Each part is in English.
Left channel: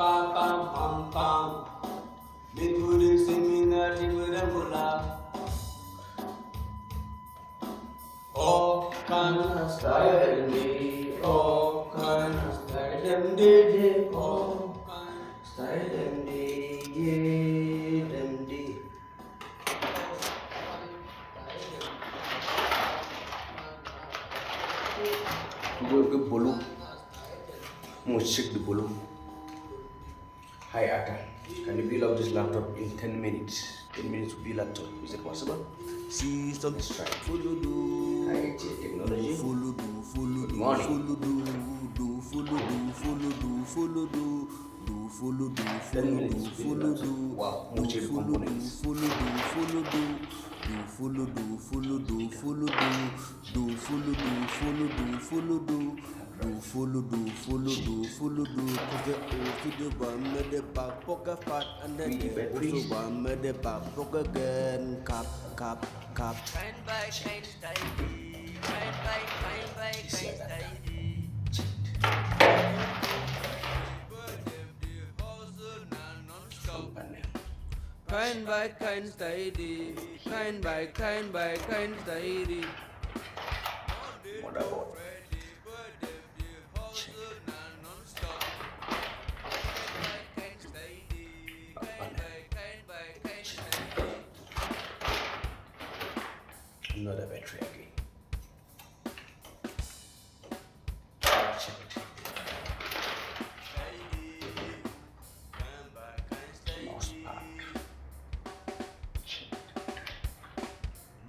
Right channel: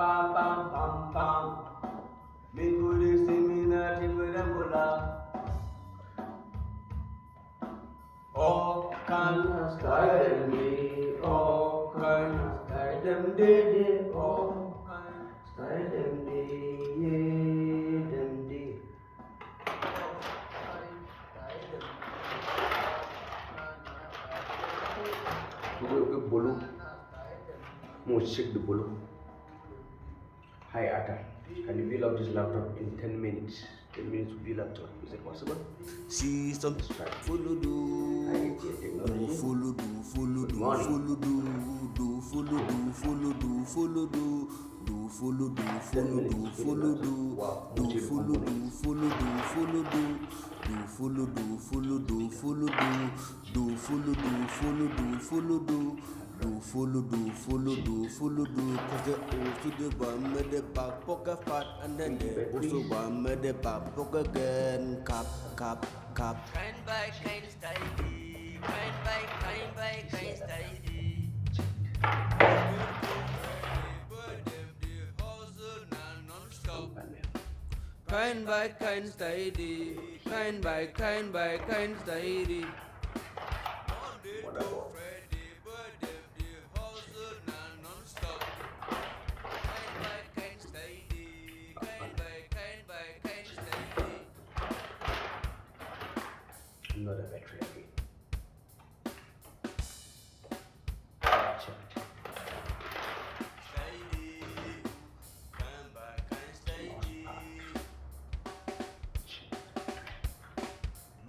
pam pam pam pam. Minggu seminar di Bedang Bola. Oh kan style me, oh kan style them day, oh kan style them day, them day. Ke bolu, musik di bolu. Hi Aka, can you build up this laptop in 10 minutes? 10 minutes to build laptop, is it possible? See some follow do, technology. Follow do, follow do, follow do, do follow do, follow do, follow do, do follow do, follow do, follow do, do follow do, follow do, follow do, do follow do, follow do, follow do, do follow do, follow do, follow do. Do follow do, follow do, follow do. Cause they also the one made the back pocket fat, and then they also one made the back pocket again. Cap, cap, cap. Kind by kind steady, kind by kind steady. Kind by kind steady, kind by kind steady. Another battery again. Check it.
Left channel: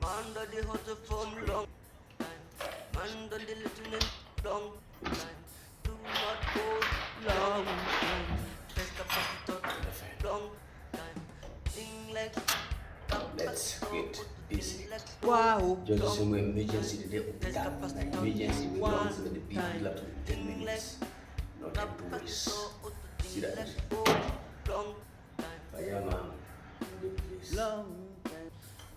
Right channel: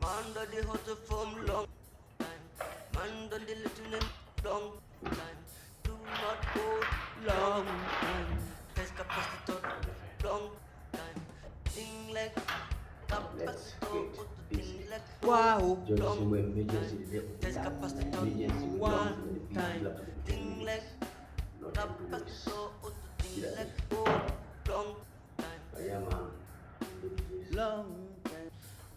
Man done the hustle from long time. Man done the little and long time. Do not go long time. Test capacitor long time. Thing like Let's capacitor. get busy. Wow, Just assume emergency today. test capacitor Emergency we one don't with the big time. laptop in 10 Thing like minutes. Not to do this. capacitor. See Thing that? like go long time. Fireman, do this. Long time.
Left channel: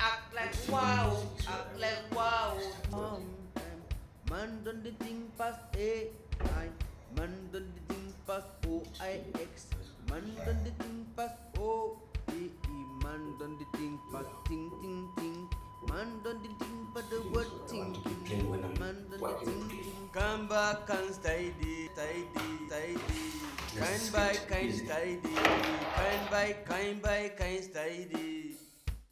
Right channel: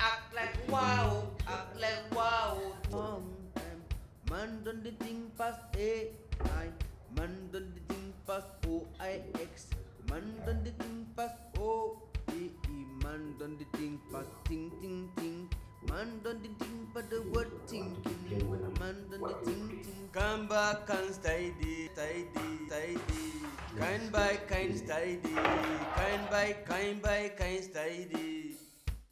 Act like wow, act like wow. Man done the thing past AI. Man done the thing past OIX. Man done the thing past OEE. Man done the thing past ting ting ting. Man done the thing past the word thinking. Man done the thing ting. Come back and steady, steady, steady. Kind by kind steady. Kind by kind steady.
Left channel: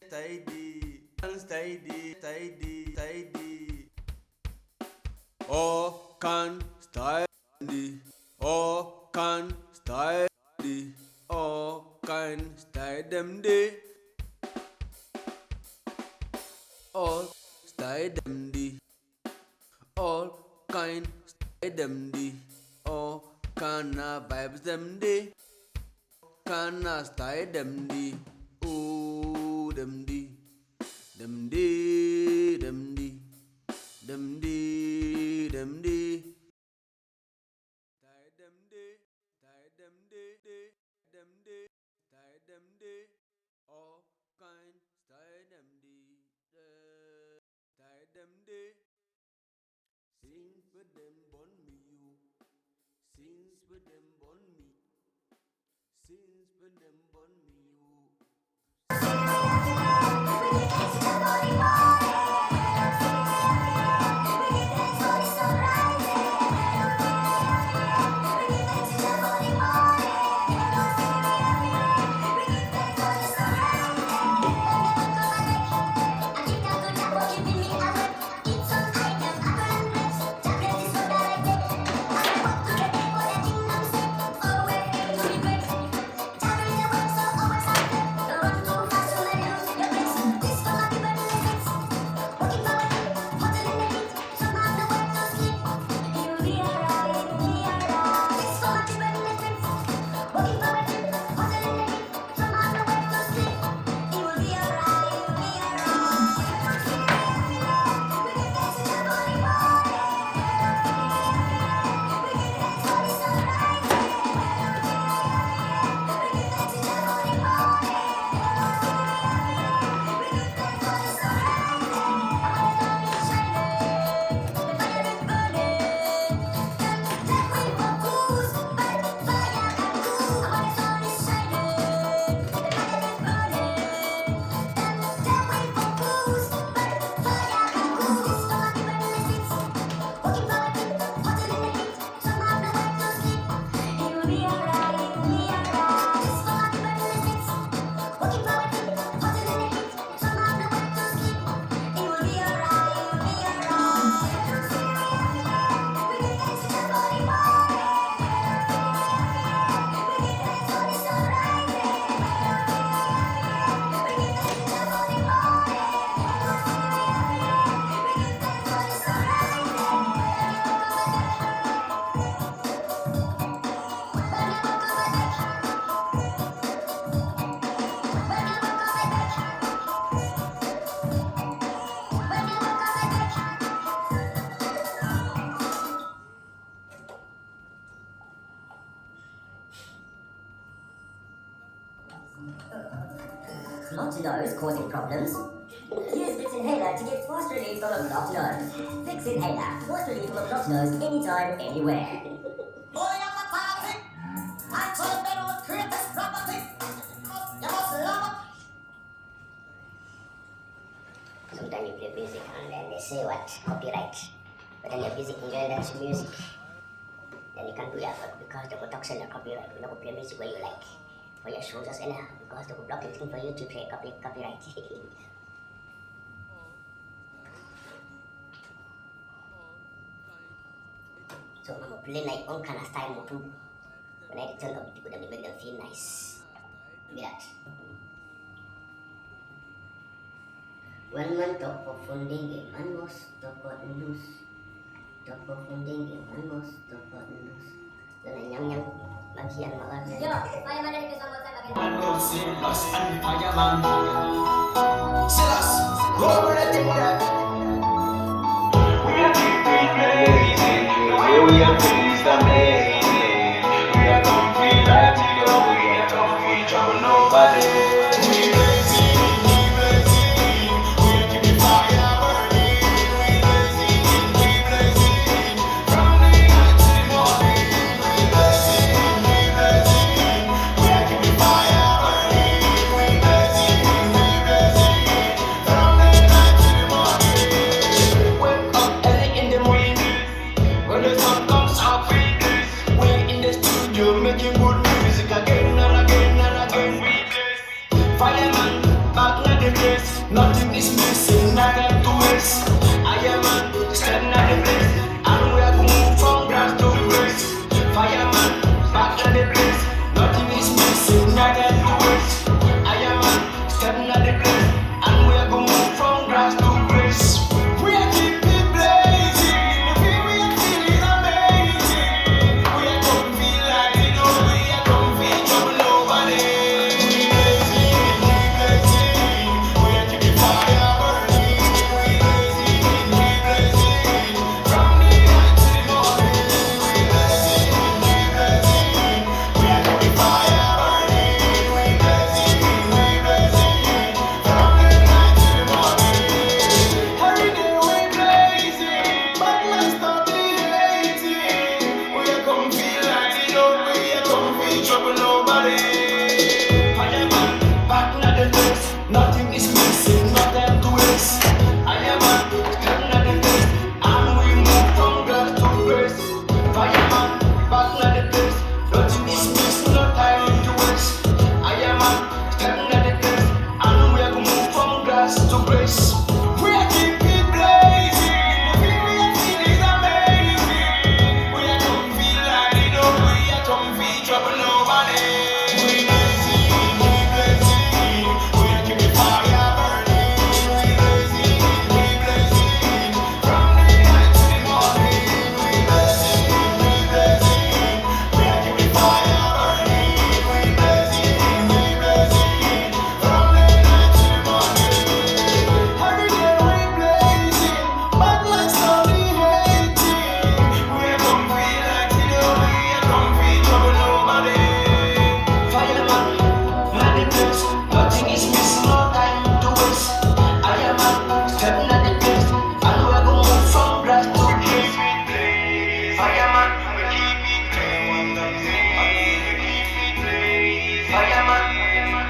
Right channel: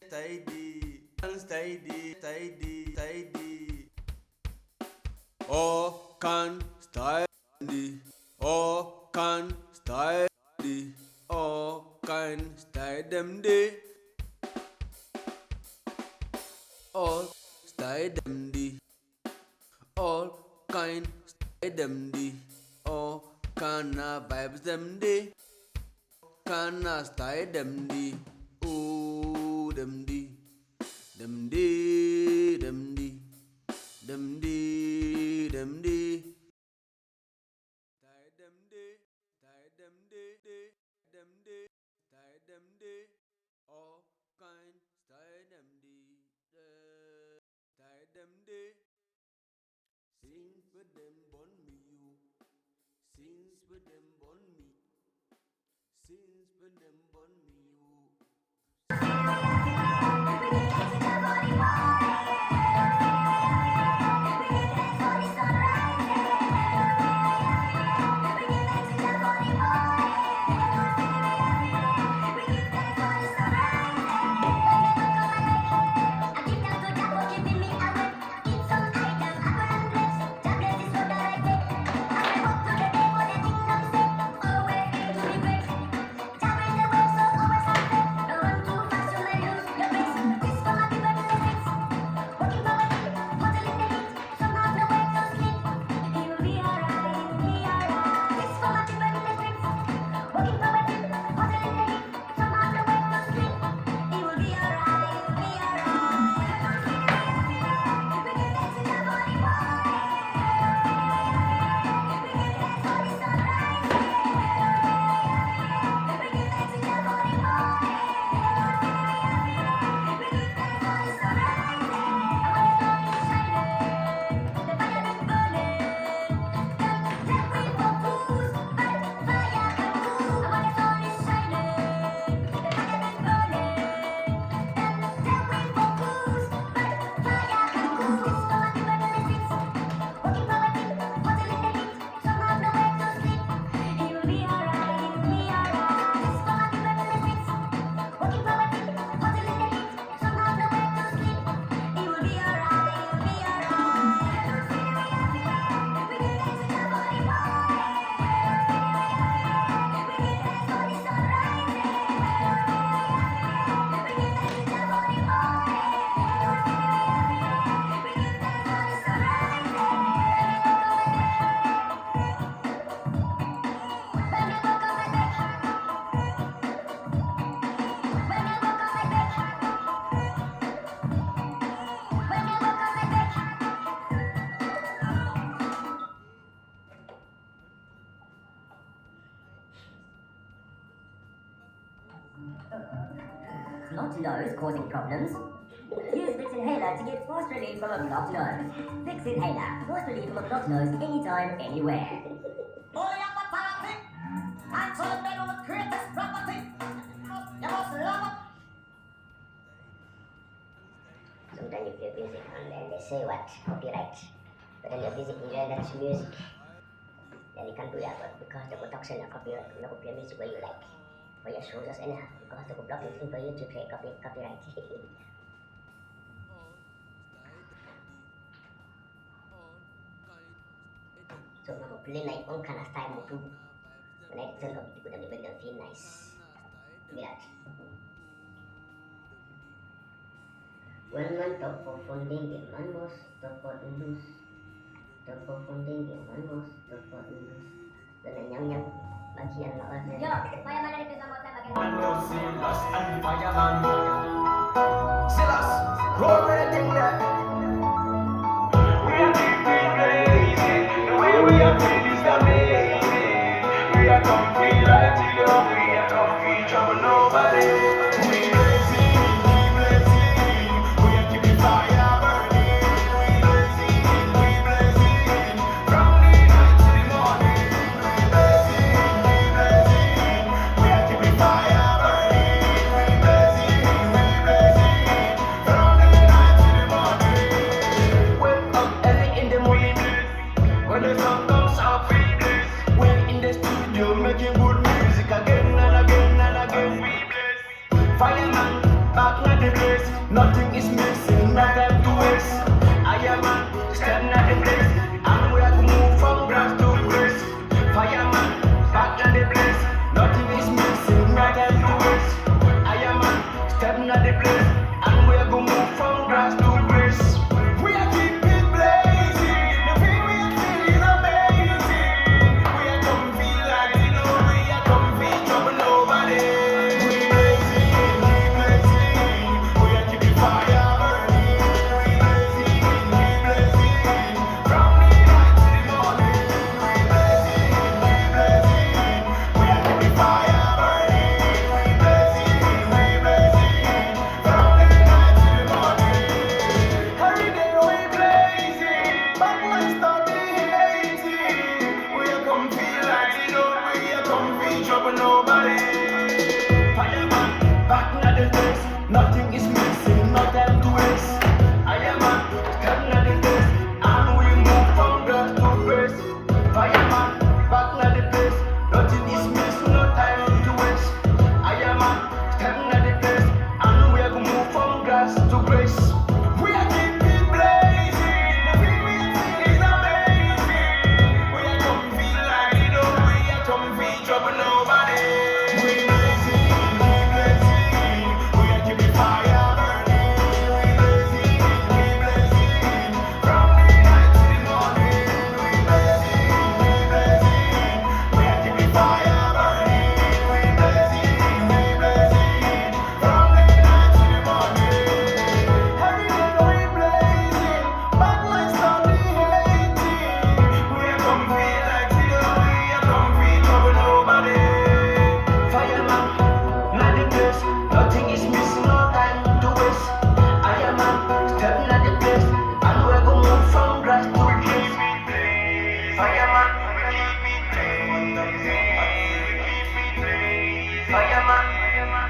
Steady, steady, steady, steady. Oh, can steady. Oh, can steady. Oh, can steady them day. All steady them day. All kind steady them day. Oh, can vibes them day. Can steady them day. Oh, them day. Them day, them day, them day, them day. Tie them day, tie them day, them day, tie them day. All kind, tie them day, tie them day. Since with them born me you, since with them born me, since with them born me you. So Blocked nose causing problems? Use Vicks Inhaler to get forced relief from a blocked nose. Vicks Inhaler, forced relief from a blocked nose anytime, anywhere. Bully up a party. I told the bedroom greatest property. You must love it. Sometimes you play music and then they say what? Copyright. But then the music enjoy that music. Then you can't do that work because they could talk your copyright. You could play music where you like. For your shows just anyhow. Because they could block anything for you to play copyright. So I'm gonna play like one kind of style too. When I turn up, people then they make them feel nice. Give me that. One man top for funding game, man must top out and loose. Top for funding game, man must top out and loose. Then I yang bagian bawah. Yo, fireman dari pisau motor bagian. Silas and fireman. Silas, roll with the thing that. We are keeping blazing. The way we are feeling is amazing. We are comfy like you know. We are comfy, trouble nobody. We blazing, we blazing. We are keeping fire burning. We blazing, we blazing. From the night to the morning. We blazing, we blazing. We are keeping fire burning. We blazing, we blazing. From the night to the morning. Wake up early in the morning. When the sun comes out, we blaze. We're in the studio making good music again and again and again. We blaze. Fireman, back at the place. Nothing is missing, nothing to waste. I am man, stepping at the place. And we are going to move from grass to grace. Fireman, back at the place. Nothing is missing, nothing to waste. I am man, stepping at the place. And we are going to move from grass to grace. We are keeping blazing. The way we are feeling amazing. We are comfy like we know. We are comfy, trouble nobody. We blazing, we blazing. We are keeping fire burning. We blazing, we blazing. From the night to the morning. We blazing, we blazing. We are keeping fire burning. We blazing, we blazing. From the night to the morning. Every day we blazing, bad lights start to hating. We are comfy like the road, we are comfy, trouble nobody. Fireman, back at the place, nothing is missing, nothing to waste. I am a stepping at the place, and we move from grass to grace. Fireman, back at the place, nothing is missing, no time to waste. I am a stepping at the place, and we are gonna move from grass to grace. We are keeping blazing. The way we are feeling amazing. We are comfy like we know. We are comfy, trouble nobody. We blazing, we blazing. We are keeping fire burning. We blazing, we blazing. From the night to the morning. We blazing, we blazing. We are keeping fire burning. We blazing, we blazing. From the night to the morning. Every day we blazing, bad lights start to hating. We are comfy like we know. We are comfy, trouble nobody. Fireman, not the place. Nothing is missing, no time to waste. I am a stepping at the place, and we are gonna move from grass to grace. Fireman, we keep it blazing. Fireman,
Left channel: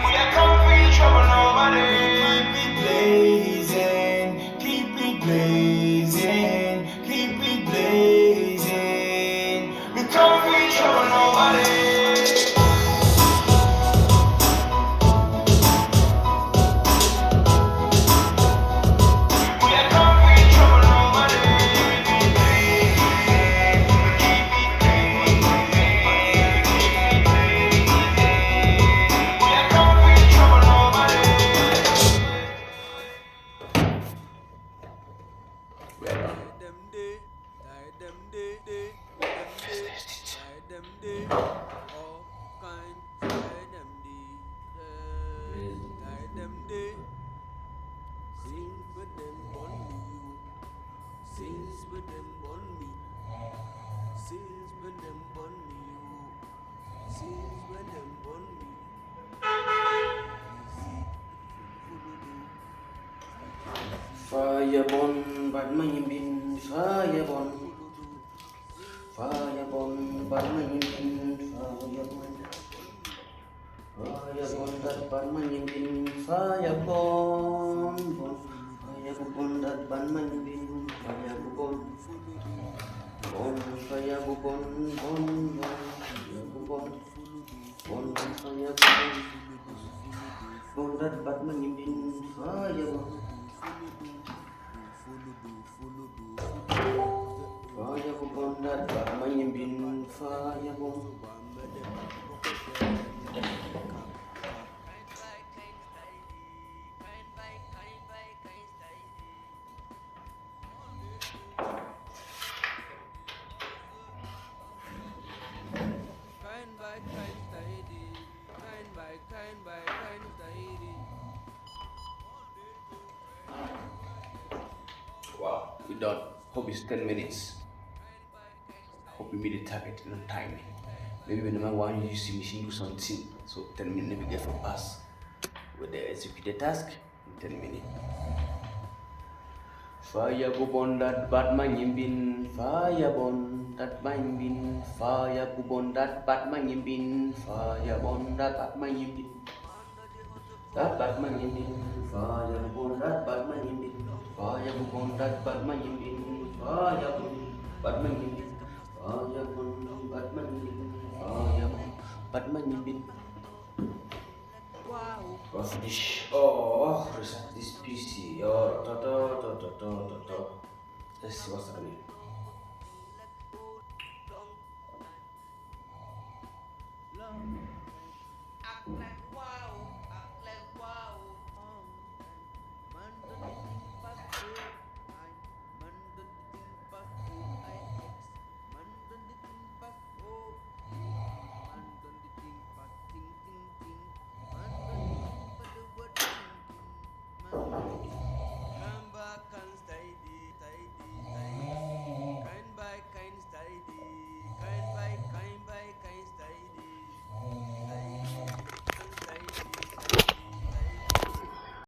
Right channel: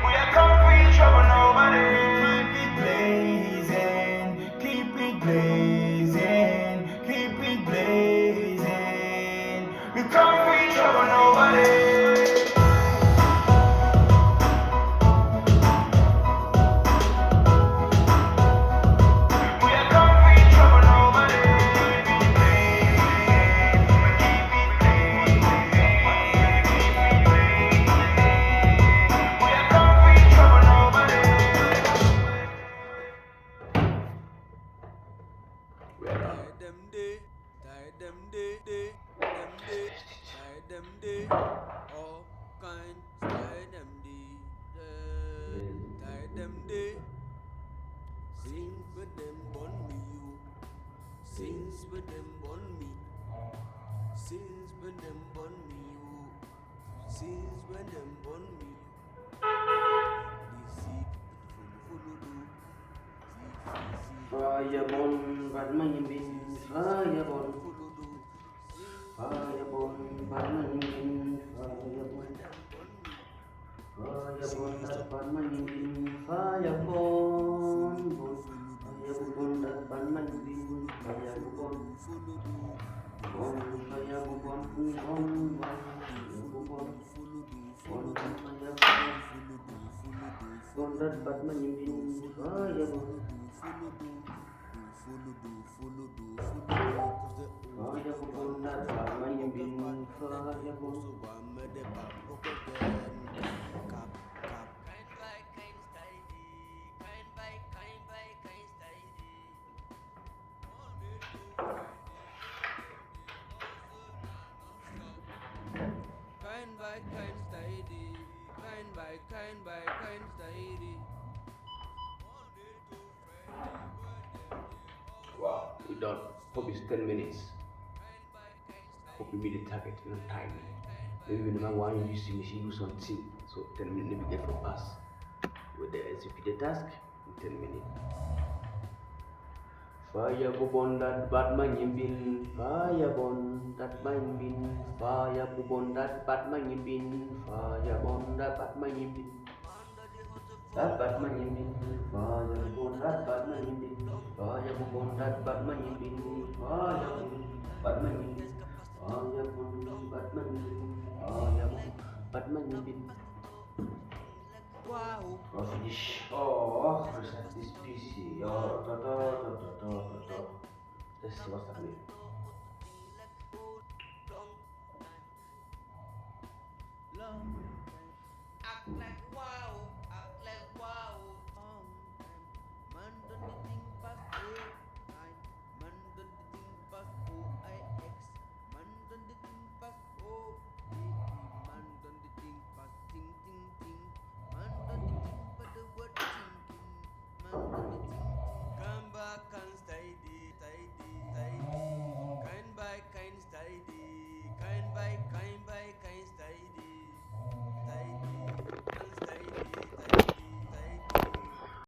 we are comfy, trouble nobody. Keep it blazing, keep it blazing, keep it blazing. We comfy, trouble nobody. We are comfy, trouble nobody. We keep it blazing. We are comfy, trouble nobody. Them day, them day, all kinds, them day, since when them born me you, since when them born me, since when them born me you, since when them born me. Firebon, but my bin, firebon. Firebon, but my bin, firebon. Firebon, that but my bin, firebon. Firebon, that but my bin, firebon. Bon, firebon, bon, firebon. Bon, firebon. Bon, that but my bin, firebon. Firebon, that but my bin, firebon. Kind steady, kind steady. Wow, we done. Hope it's 10 minutes. Hope we meet the target in time. Maybe when number one you see machine do something, so 10 minutes we get for pass. With the execute the task in 10 minutes. Fire go on that Batman bin, fire bon that mine bin, fire go on that Batman bin, fire bon that Batman bin. That Batman bin, fire go on that Batman bin, fire go on that Batman bin, fire bon Batman bin, fire bon Batman bin, fire bon Batman bin. Wow. Go finish. Oh, reset this PC. Oh, Let's see what's happening. Act like wow.